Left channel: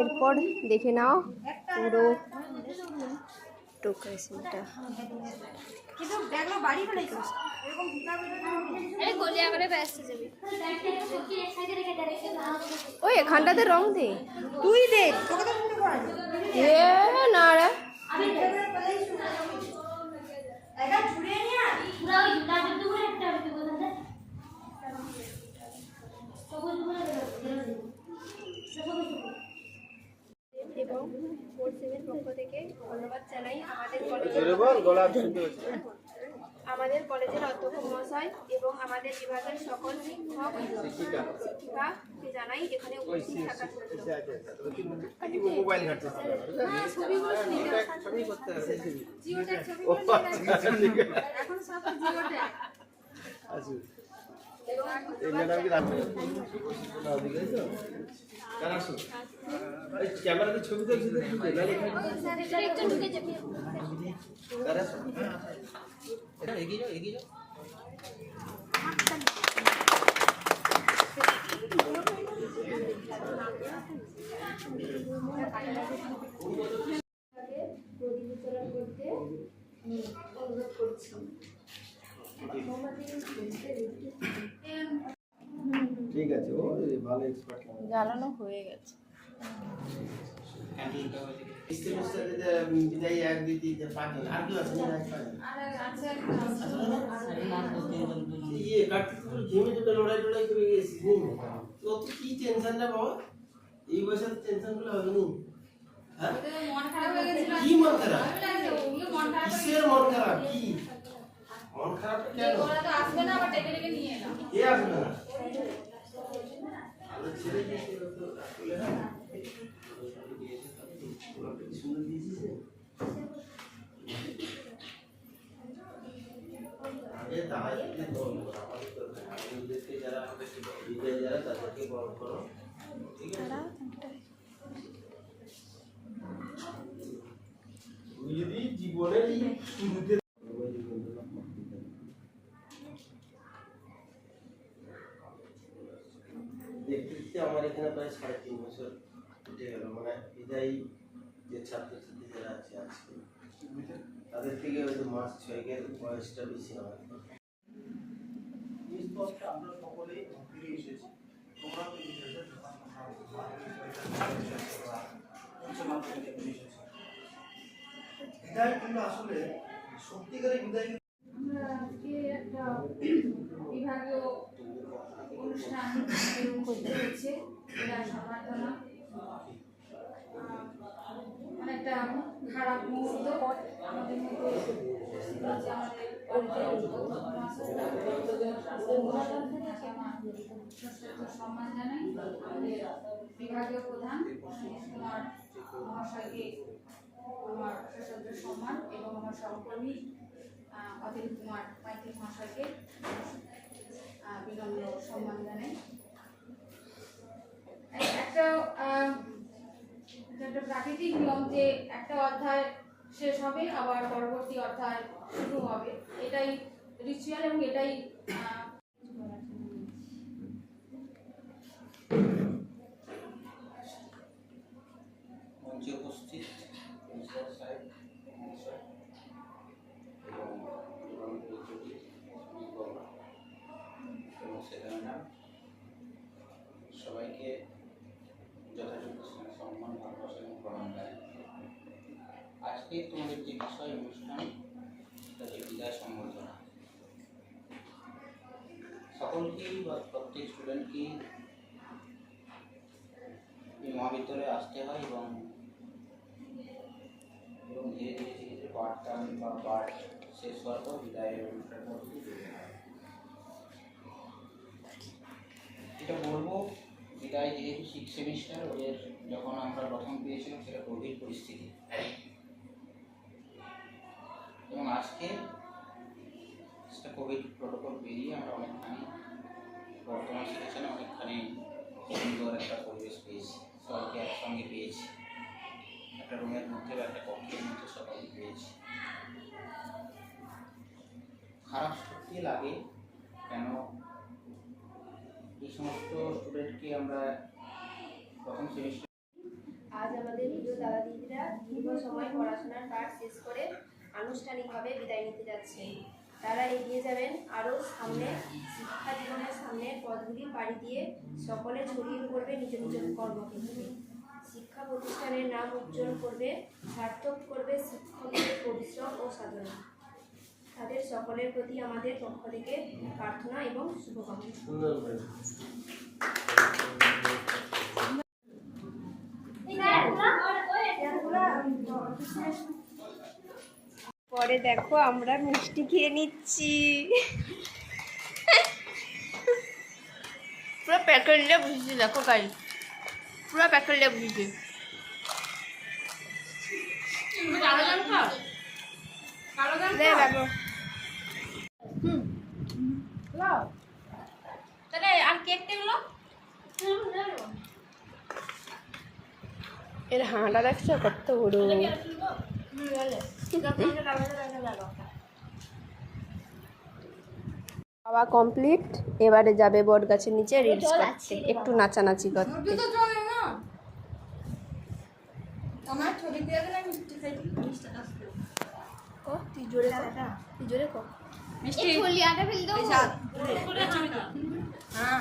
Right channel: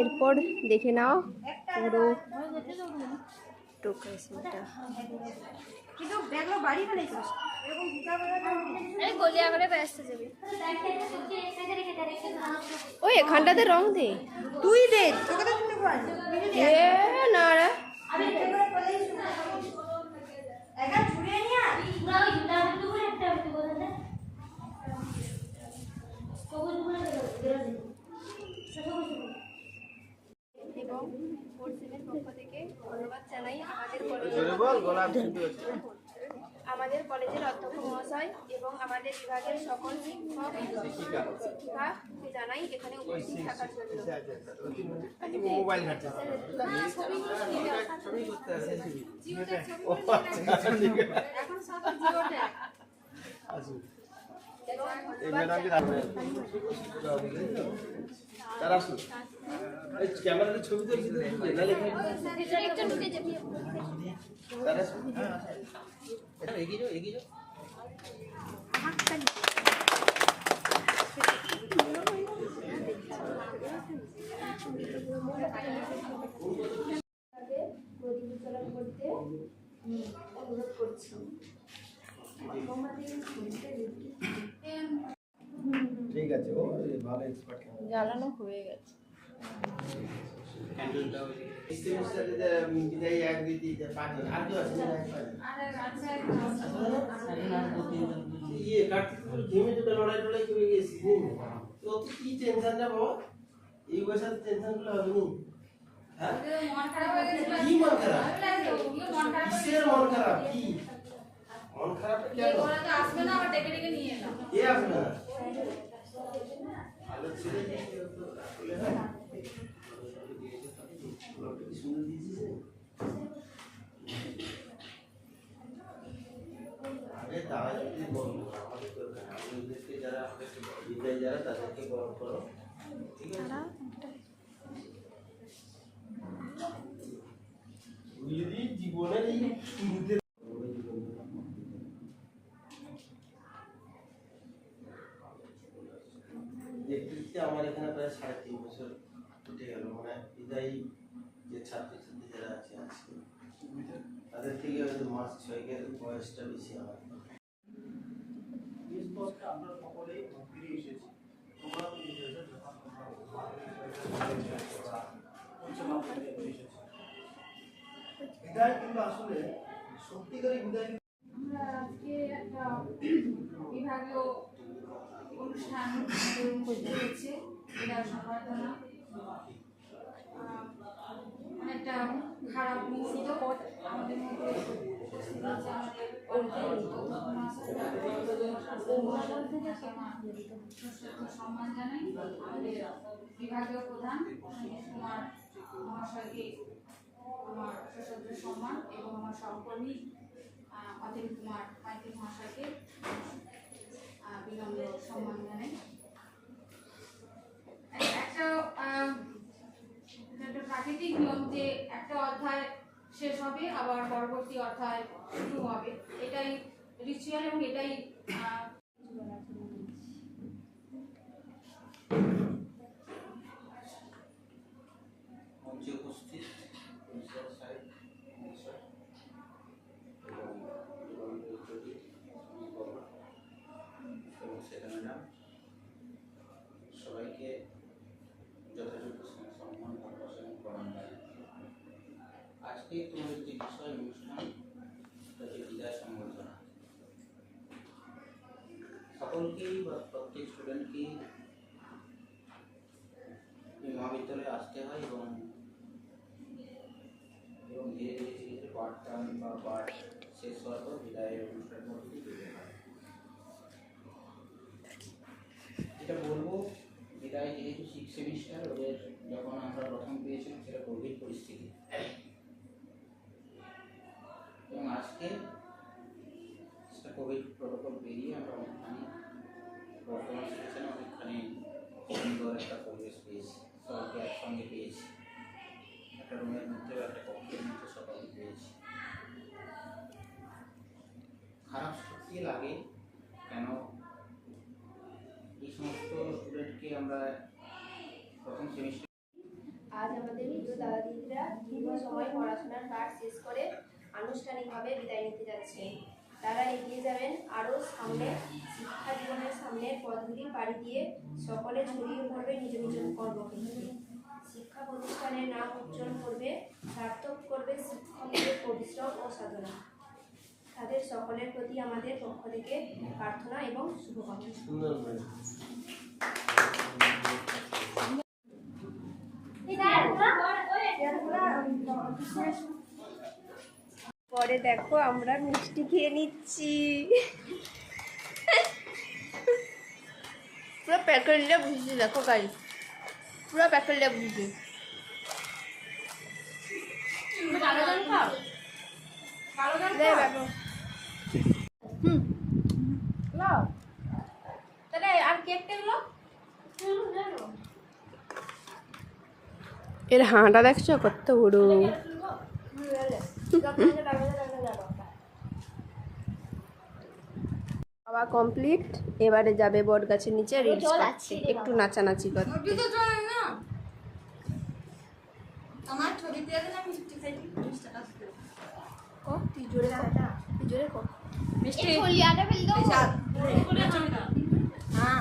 এরপর দেখে নাও পুরো টোকেসটা। ওই এখানটাতে রং দে, তুই দে, তোকে তো না রে এবং 4-7 পক্ষ থেকে ধন্যবাদ জানাই আমাদের কলেজের অধ্যক্ষ মহাশয় এবং আমাদের বিভাগের সকল শিক্ষক শিক্ষিকাকে জানাই এখানে উপস্থিত থাকার জন্য। এখন সব জিওট্যাগ ক্যামেরাতে ছবি তুলছি এগিয়ে যাও এগিয়ে যাও। অনুরোধ করছি। ঠিক আছে, ও ভালো এক্সপার্ট জ্বালানো হয়ে গেছে। এই বয়সে টেনশন গুলো হবে নি? মন খারাপ হয়ে গেছে। কি মন খারাপ? কিসের মন খারাপ? কি মন খারাপ? কেন ওরা তো আসবে না, আবার ডেকে ডেকে নিয়ে এলো। কে আসবে না? আলো ছেড়ে দিয়েছে তো আসলে হ্যাঁ সুন্দর দিয়েছে। আগে দাওয়াইতে বলো, আমাদের তো আমাদেরকে যারা বিদায় যারা তাদেরকে বড় করো, ঠিক আছে? যদি জীবনের এই শুরুতে দেখতে আমার এখানে প্রায় 3.5 বছর উঠে গেল, মানে বিদায়ী যে ছাত্রছাত্রী যারা আছে আজকে তাদের থেকে হয়তো মাস 6 বয়সটা বেশি আমার। আমরা সকলেই ফিরে এসেছি। তোমরা বিদায় কিন্তু আসলে সত্যিকারের বিদায়। আমরা আজকে একটা বিভাগীয় অনুষ্ঠান করতে হচ্ছে, এটা সম্মাননা অনেকটা খারাপ মুহূর্ত আমাদের মধ্যে উপস্থিত হচ্ছে আমাদের সম্মান জানাই আমাদের বিভাগীয় প্রধান কুমার মহাশয়কে আমার সশ্রদ্ধ সম্মান এবং আমার সহকর্মী অতিরিক্ত কুমার মাইতি মহাশয়কে বিনম্র সম্মান জানাই। একটা প্রাকৃতিক নিয়ম যে একটা অধ্যায় শেষ হবে আবার পরবর্তী অধ্যায় শুরু হবে, এটাই রিচুয়াল এবং এটাই উপস্থিত সবাইকে যথাযথ সম্মান ভালোবাসা এবং প্রণাম জানাই। আজকে তোমাদের যে বিষয় অনুষ্ঠান তাদের বিদায় সম্বর্ধনা, সকলকেই বা প্রত্যেক স্টুডেন্টকেই এই মহাবিদ্যালয়ে আসতে হয় এবং ধীরে ধীরে ধীরে ধীরে পাঠদান বা পাঠ শেষ হওয়ার পর বিদায়ের অনুষ্ঠানের মধ্যে যেতে হয়। এটা বলবো বিদায় যেহেতু 6 সেমিস্টার, ওদের যখন আমরা প্রথম পেয়েছিলাম সেটা কোভিড পরিস্থিতি, এবং আজকে সেটা কোভিড প্রোটোকল পেরিয়ে আমরা অনেকখানি বর্তমান সিচুয়েশনে অনেকখানি সুন্দর একটা পরিবেশ পেয়েছি, সবাইকে একসঙ্গে পেয়েছি, একটা রুমের মধ্যে বা একটা কক্ষের মধ্যে সবাইকে পেয়েছি। খারাপ সত্যি লাগে, কেন এই সমস্ত স্টুডেন্টকে আমরা প্রথম সেমিস্টার দাদা দিদিরা দীর্ঘ সময় পড়াশোনার কাজ শেষ করে আনুষ্ঠানিকভাবে বিদায় নিতে যাচ্ছে। তারা এগিয়ে যাবেন আরও সামনে, শিক্ষা জীবনের সামনের পথগুলি পাড়ি দিয়ে সকলে ছড়িয়ে পড়বে নিজ নিজ কর্মক্ষেত্রে। শিক্ষা প্রতিষ্ঠানের নাম উজ্জ্বল করবে, সার্থক করবে শিক্ষকদের পরিশ্রম ও সাধনা। তাদের সকলের প্রতি আমাদের পক্ষ থেকে প্রার্থনা এবং শুভকামনা। পরে দেখো আমরা মিষ্টি খেয়ে নিচ্ছি। পুরো প্যাকেট নিয়ে বুঝেছি, দেখো গাই পুরো প্যাকেট নিয়ে বুঝেছি। তাহলে আর কেকটা গুলো এর হাঁটা দেখছো কত বড়। খাওয়া কমপ্লিট, এবারে যাবে বট গাছের নিচে রিলস করতে, একটু নাচানাচি করতে। আমার ছবি দিয়ে দিলাম মিষ্টি খাইতে। তুই জোরে কর, তুই জোরে কর। মিষ্টি ফলিয়াটা ফেল দাও। হ্যাঁ